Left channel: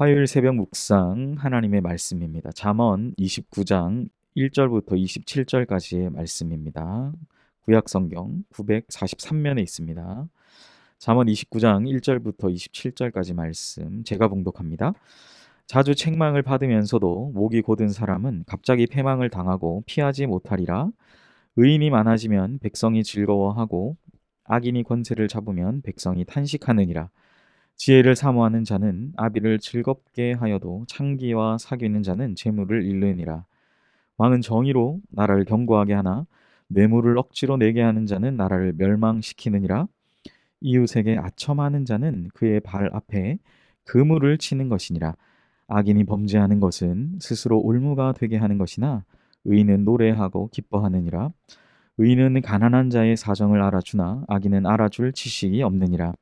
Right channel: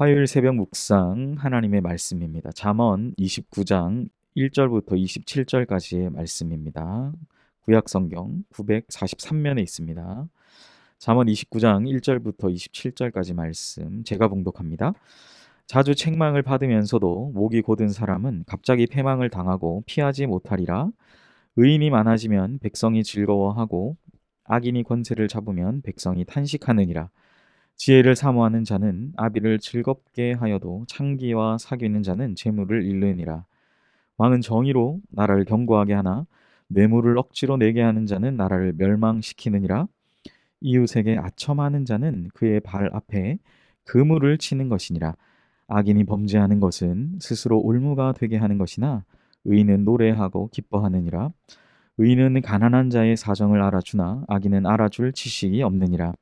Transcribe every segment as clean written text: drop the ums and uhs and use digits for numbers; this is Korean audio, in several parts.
화요일 새벽 묵상 하나님의 말씀입니다. 잠언 29장 1절부터 27절까지의 말씀입니다. 구약 성경 943면에 있습니다. 잠언 29장 1절부터 27절까지 말씀 제가 봉독합니다. 자주 책망을 받으면서도 목이 곧은 사람은 갑자기 패망을 당하고 피하지 못하리라. 의인이 많아지면 백성이 즐거워하고 악인이 권세를 잡으면 백성이 탄식하느니라. 지혜를 사모하는 자는 아비를 즐겁게 하여도 창기와 사귀는 자는 재물을 잃느니라. 왕은 정의로 나라를 견고하게 하나 뇌물을 억지로 내게 하는 자는 나라를 멸망시키느니라. 이웃에게 아첨하는 자는 그의 발 앞에 그물을 치는 것이니라. 악인이 범죄하는 것은 스스로 올무가 되게 하는 것이나 의인은 노래하고 기뻐하느니라. 의인은 가난한 자의 사정을 알아주나 악인은 알아줄 지식이 없느니라.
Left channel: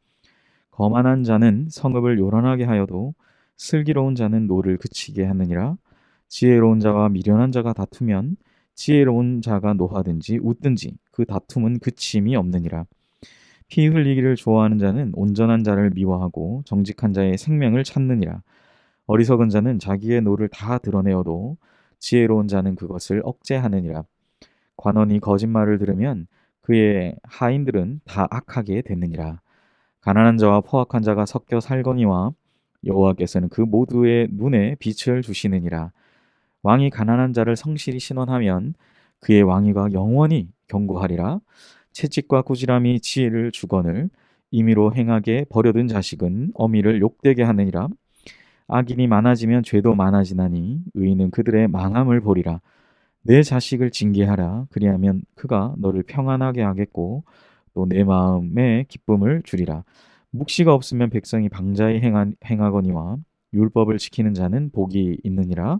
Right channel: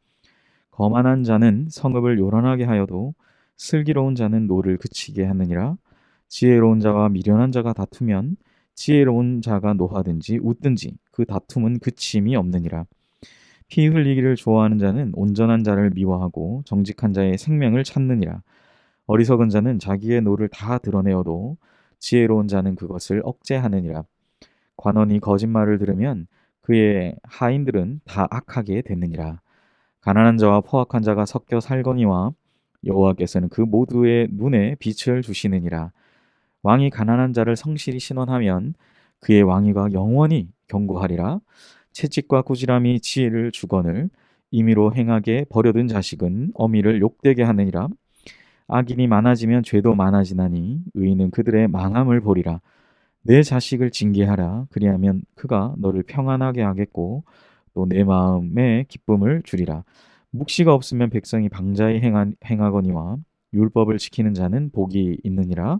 거만한 자는 성읍을 요란하게 하여도 슬기로운 자는 노를 그치게 하느니라. 지혜로운 자와 미련한 자가 다투면 지혜로운 자가 노하든지 웃든지 그 다툼은 그침이 없느니라. 피 흘리기를 좋아하는 자는 온전한 자를 미워하고 정직한 자의 생명을 찾느니라. 어리석은 자는 자기의 노를 다 드러내어도 지혜로운 자는 그것을 억제하느니라. 관원이 거짓말을 들으면 그의 하인들은 다 악하게 되느니라. 가난한 자와 포악한 자가 섞여 살거니와 여호와께서는 그 모두의 눈에 빛을 주시느니라. 왕이 가난한 자를 성실히 신원하면 그의 왕위가 영원히 견고하리라. 채찍과 꾸지람이 지혜를 주거늘 임의로 행하게 버려둔 자식은 어미를 욕되게 하느니라. 악인이 많아지면 죄도 많아지나니 의인은 그들의 망함을 보리라. 내 자식을 징계하라. 그리하면 그가 너를 평안하게 하겠고 또 내 마음에 기쁨을 주리라. 묵시가 없으면 백성이 방자히 행하거니와 율법을 지키는 자는 복이 있느니라.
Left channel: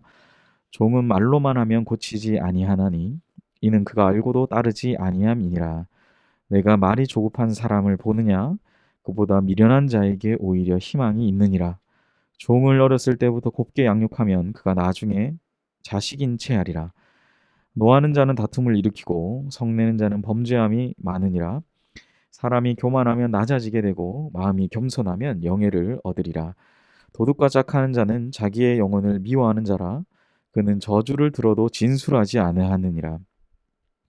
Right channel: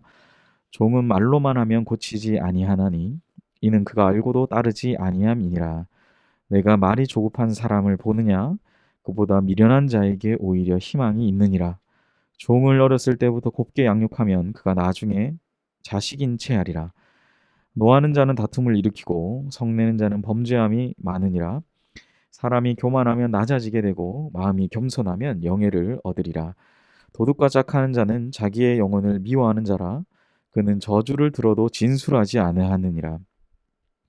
종은 말로만 하면 고치지 아니하나니 이는 그가 알고도 따르지 아니함이니라. 내가 말이 조급한 사람을 보느냐? 그보다 미련한 자에게 오히려 희망이 있느니라. 종을 어렸을 때부터 곱게 양육하면 그가 나중에 자식인 채 하리라. 노하는 자는 다툼을 일으키고 성내는 자는 범죄함이 많으니라. 사람이 교만하면 낮아지게 되고 마음이 겸손하면 영예를 얻으리라. 도둑과 짝하는 자는 자기의 영혼을 미워하는 자라. 그는 저주를 들어도 진술하지 아니하느니라.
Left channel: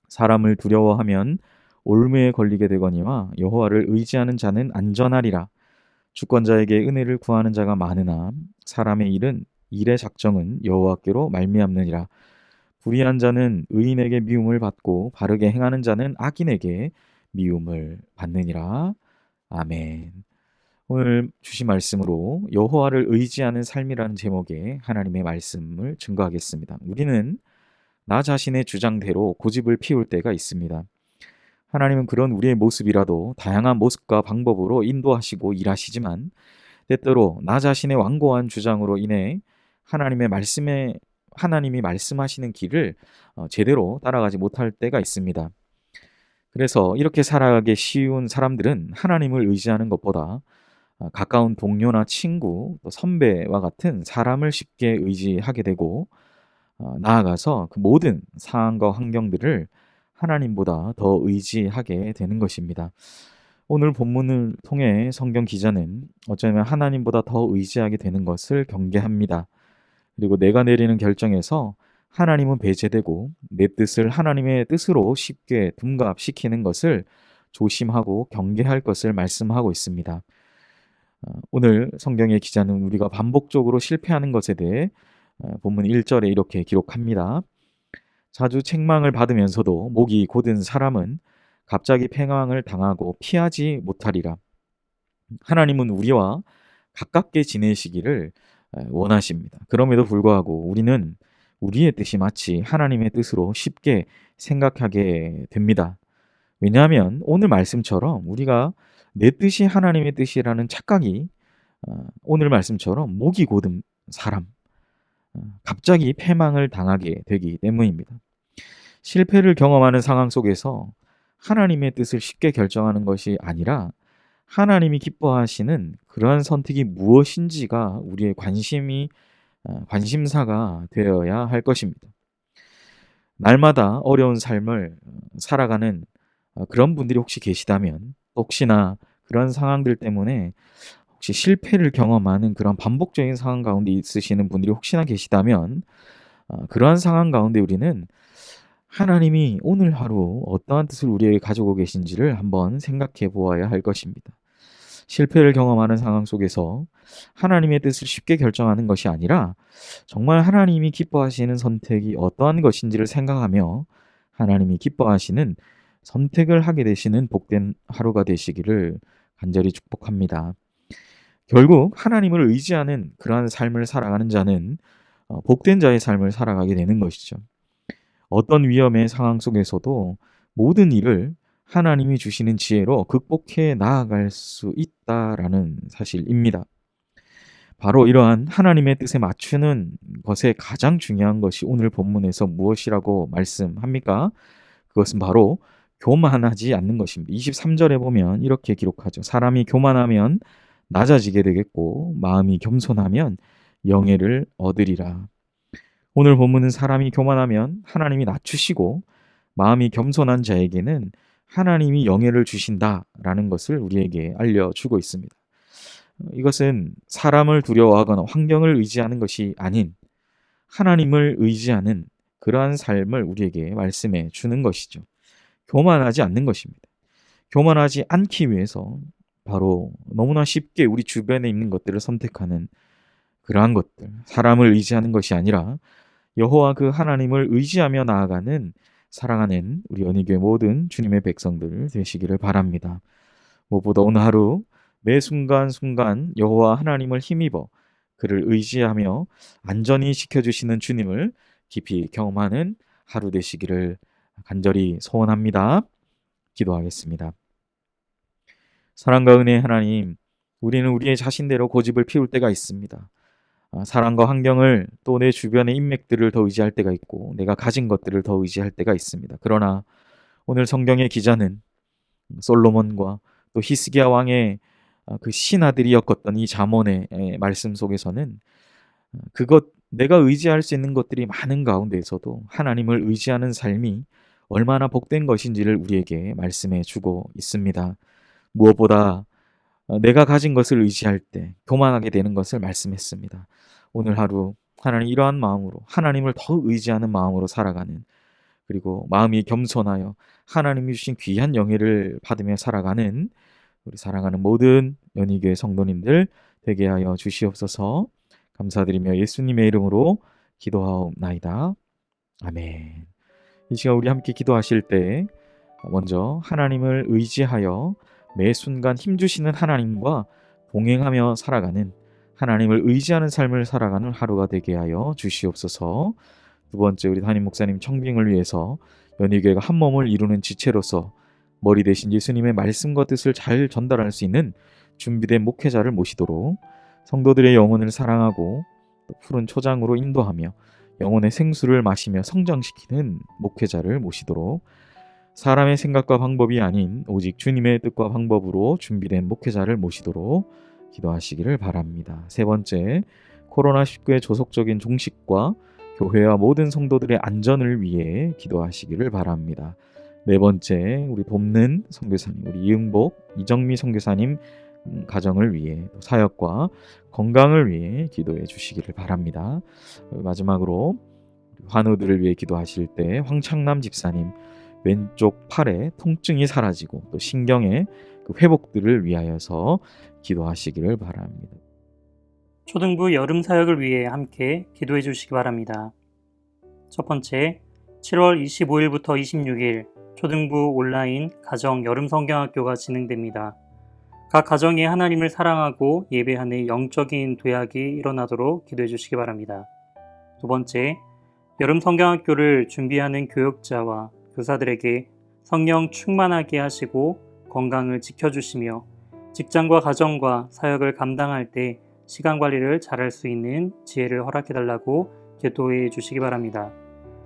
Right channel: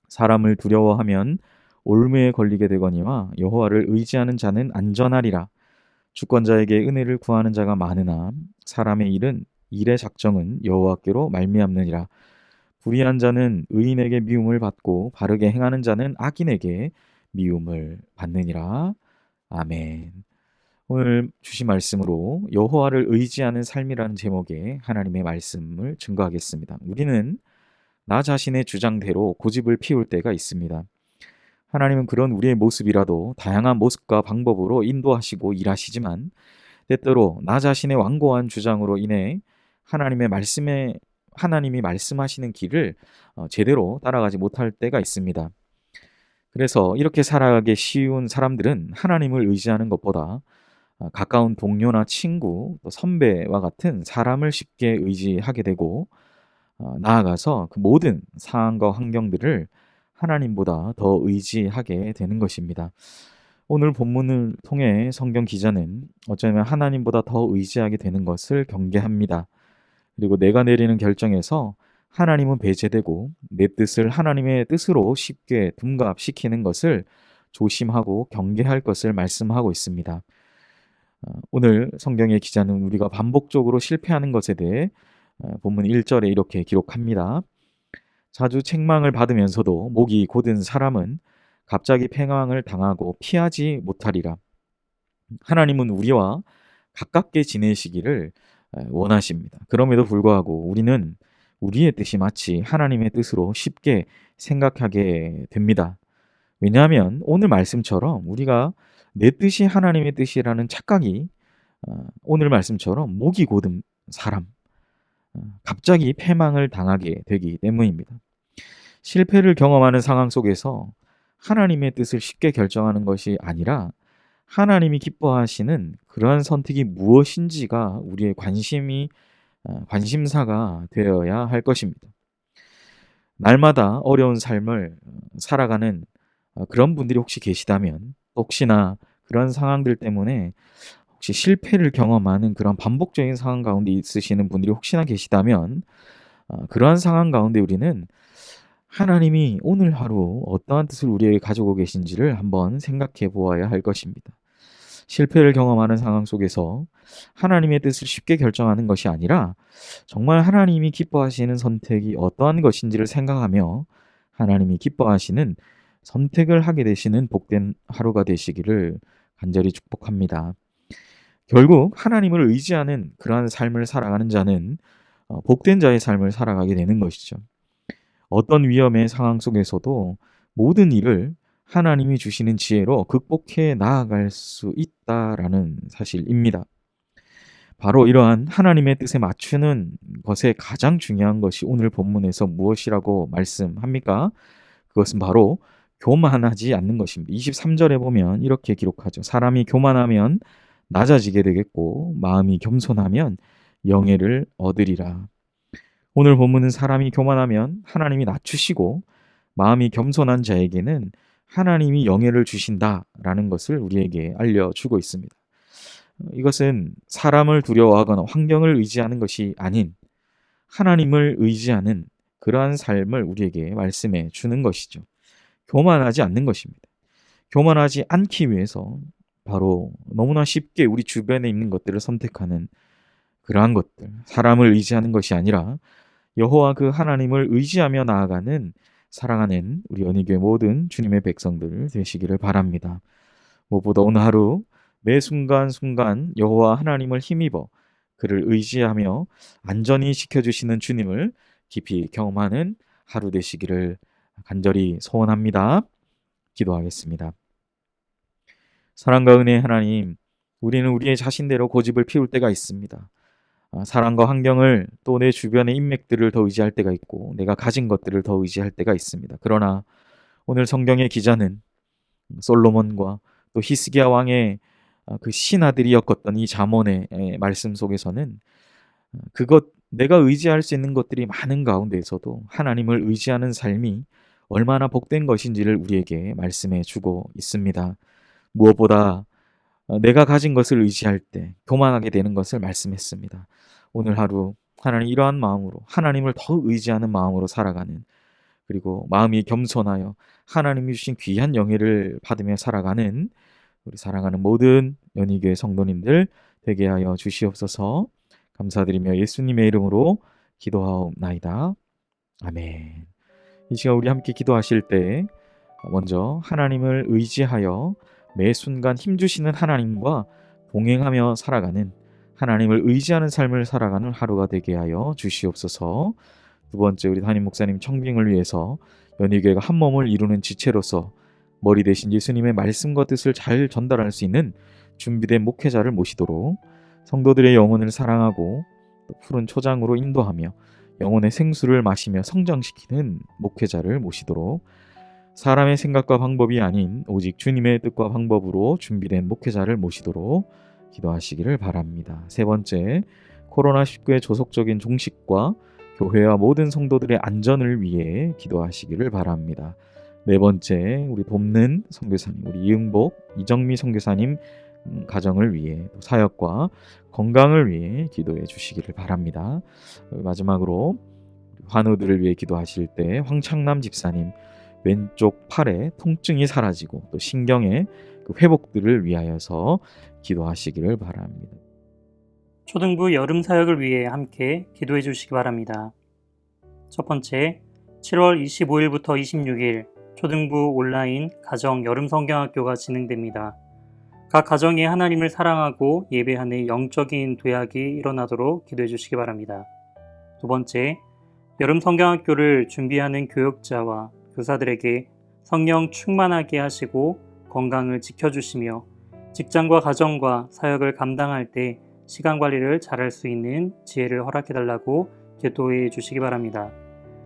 사람을 두려워하면 올무에 걸리게 되거니와 여호와를 의지하는 자는 안전하리라. 주권자에게 은혜를 구하는 자가 많으나 사람의 일의 작정은 여호와께로 말미암느니라. 불의한 자는 의인에게 미움을 받고 바르게 행하는 자는 악인에게 미움을 받느니라. 아멘. 오늘 주신 말씀으로 여호와를 의지하는 삶이라는 제목의 하나님의 말씀을 증거하겠습니다. 우리는 나 자신의 주장대로 고집을 피울 때가 있습니다. 하나님은 그런 우리의 모습이라도 다양한 모습과 방법으로 인도하시고 일하시지만 때때로 나 자신의 완고한 주장으로 인해 하나님이 말씀하시는 길을 제대로 따라가지 못할 때가 있습니다. 그래서 이렇게 살아가기 쉬운 사람들은 하나님을 의지하는 것보다 가까운 동료나 친구, 또 선배와 같은 사람을 쉽게 의지하게 되고 나아가서 그 모든 상황과 환경들을 하나님보다 더 의지하게 되는 것입니다. 오늘 본문을 통해 성경 기자는 어쩌면 하나님보다 더 의지하게 되는 것을 경계합니다. 그리고 내가 내리는 결정에서 하나님은 배제되고 내 뜻을 하나님의 뜻으로 쉽게 둔갑시키는 것을 조심하고 경계할 것을 말씀하고 있습니다. 오늘 성경의 기자는 우리가 반복적으로 실패하는 것에 대해 본문 1절에 이렇게 기록합니다. 자주 책망을 받으면서도 목이 곧은 사람은 갑자기 패망을 당하고 피하지 못하리라. 하나님은 우리와 가깝게 지내시기를 원하십니다. 그럼에도 불구하고 우리는 우리의 뜻이 마치 하나님의 뜻으로 쉽게 생각하게 됩니다. 왜냐하면 오늘 말씀처럼 우리가 내 뜻이 하나님의 뜻이라는 착각이 오늘 말씀처럼 목이 곧은 사람, 갑자기 패망을 당하게 되기 때문입니다. 실패를 경험하는 상황 속에서 하나님의 뜻을 쉽게 결정하는 것이 아니라 하나님이 기뻐하시는 그러한 선택이 무엇인지가 우리의 관심사가 되어야 할 것입니다. 날마다 어려운 삶을 살아가는 그런 분들이 혹시 계시다면 혹시나 그런 상황들 때문에 혹시 실패를 경험하는 그런 반복적인 상황 가운데 있으시는 분들이 혹시나 계시다면 그러한 상황 가운데 우리는 하나님이 오늘 하루 어떠한 뜻을 우리에게 가지고 계신지를 한번 생각해 보아야 할 것입니다. 실패를 경험하는 상황 속에서 하나님의 뜻을 쉽게 결정하는 것이 아니라 정말 하나님이 기뻐하시는 선택이 어떠한 것인지를 생각하며 하나님이 기뻐하시는 선택을 하게 되시는 복된 하루가 되시기를 간절히 축복합니다. 결국 하나님을 의지하는 그러한 삶을 살아가는 자는 복된 자의 삶을 살아가게 되는 것이죠. 어떤 위험의 상황 속에서도 모든 일을 하나님이 주시는 지혜로 극복해 나아갈 수 있다라는 사실입니다. 바로 이러한 하나님의 뜻에 맞추는 것에 가장 중요한 것이 오늘 본문에서 무엇이라고 말씀합니까? 그것은 바로 교만하지 않는 것입니다. 23절에 보면 이렇게 기록하죠. 사람이 교만하면 낮아지게 되겠고 마음이 겸손하면 영예를 얻으리라. 오늘 본문은 사람이 교만하면 하나님이 낮추시고 마음이 겸손한 자에게는 하나님이 영예를 주신다라는 것을 우리에게 알려주고 있습니다. 이것은 사람을 두려워하거나 환경을 의지하는 것이 아닌 하나님을 의지하는 그러한 삶을 우리에게 말씀해 주는 것이죠. 교만하지 않는 것입니다. 교만하지 않기 위해서 바로 너무나 쉽게 우리 주변에 있는 것들을 선택하는 그러한 것들, 사람을 의지하는 것이 아니라 여호와 그 하나님을 의지하며 나아가는 사랑하는 우리 연희교회 모든 주님의 백성들 되시기를 바랍니다. 무엇보다 오늘 하루 매 순간순간 여호와 하나님을 힘입어 그를 의지하며 안전히 지켜주시는 주님을 깊이 경험하는 하루 되시기를 간절히 소원합니다. 기도하겠습니다. 사랑과 은혜의 하나님, 우리는 우리의 자신대로 고집을 피울 때가 있습니다. 사람과 환경을 또 내 주변의 인맥들을 더 의지할 때가 있고 내가 가진 것들을 더 의지할 때가 있습니다. 그러나 오늘 성경의 기자는 솔로몬과 또 히스기야 왕의 그 신하들이 엮었던 이 잠언의 말씀 속에서는 그것 내가 의지할 수 있는 것들이 많은 가운데에서도 하나님을 의지하는 삶이 얼마나 복된 것인지를 우리에게 말씀해 주고 있습니다. 무엇보다 내가 가진 것을 의지할 때 교만하게 되는 것을 말씀했습니다. 오늘 하루 하나님 이러한 마음으로 하나님을 더 의지하는 마음으로 살아가는 그리고 마음이 겸손하여 하나님이 주신 귀한 영예를 받으며 살아가는 우리 사랑하는 모든 연희교회 성도님들 되게 하여 주시옵소서. 감사드리며 예수님의 이름으로 기도하옵나이다. 아멘. 이 시간 우리 함께 기도하실 때 먼저 하나님을 의지하여 매 순간 힘주시는 하나님과 동행하며 살아가는 하나님을 의지하는 삶을 살아가는 하루가 되게 하여 주시옵소서. 두 번째 우리 담임 목사님 청빙을 위해서 연희교회가 한 몸을 이루는 지체로서 머리 대신 예수님의 말씀과 뜻을 잘 전달할 수 있는 준비된 목회자를 모시도록 성도들의 영혼을 사랑하고 푸른 초장으로 인도하며 영혼의 생수를 마시며 성장시키는 목회자를 모시도록 사람의 생각과 방법이 아닌 오직 주님의 뜻과 방법으로 준비된 목회자를 모시도록 기도하시기를 바랍니다. 세 번째, 코로나19의 조속적인 종식과 교회와 모든 성도들의 안전을 위해 기도하시기를 바랍니다. 네 번째, 우리 돕는 선교사님, 우리 이응복, 이정미 선교사님 가정을 위해 또 사역과 건강을 위해 기도해 주시기를 바랍니다. 마지막으로 환우들을 위해 기도하실 때 황창남 집사님 왼쪽 팔에 통증이 사라지고 또 신경의 그 회복들을 위하여서 기도하시기를 바랍니다. 초등부 여름 사역을 위해 함께 기도해 주시기 바랍니다. 첫 번째, 7월 25일부터 26일 초등부 온라인 가정 여름 성경학교가 진행됩니다. 각 가정이 하나님을 사랑하고 예배하는 영적인 도약이 일어나도록 기도해 주시기 바랍니다. 두 번째, 여름 성경학교를 준비하는 교역자와 교사들에게 성령 충만하게 하시고 건강을 지켜주시며 직장과 가정과 사역을 감당할 때 시간 관리를 잘할 수 있는 지혜를 허락해달라고 기도해 주시기 바랍니다.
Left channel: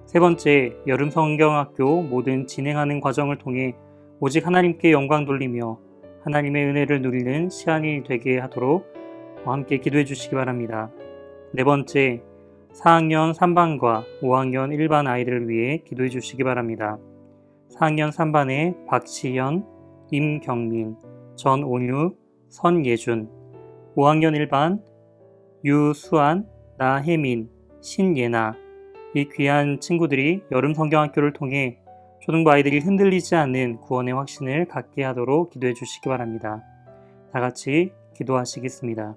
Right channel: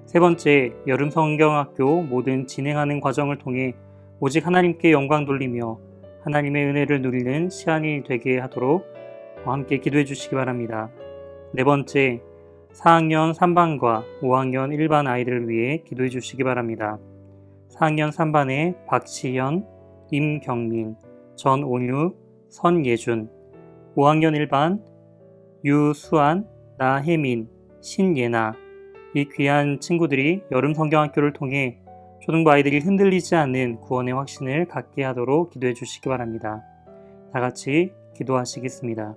세 번째, 여름 성경학교 모든 진행하는 과정을 통해 오직 하나님께 영광 돌리며 하나님의 은혜를 누리는 시간이 되게 하도록 함께 기도해 주시기 바랍니다. 네 번째, 4학년 3반과 5학년 1반 아이들을 위해 기도해 주시기 바랍니다. 4학년 3반에 박시현, 임경민, 전온유, 선예준, 5학년 1반 유수안, 나혜민, 신예나 이 귀한 친구들이 여름 성경학교를 통해 초등부 아이들이 흔들리지 않는 구원의 확신을 갖게 하도록 기도해 주시기 바랍니다. 다 같이 기도하시겠습니다.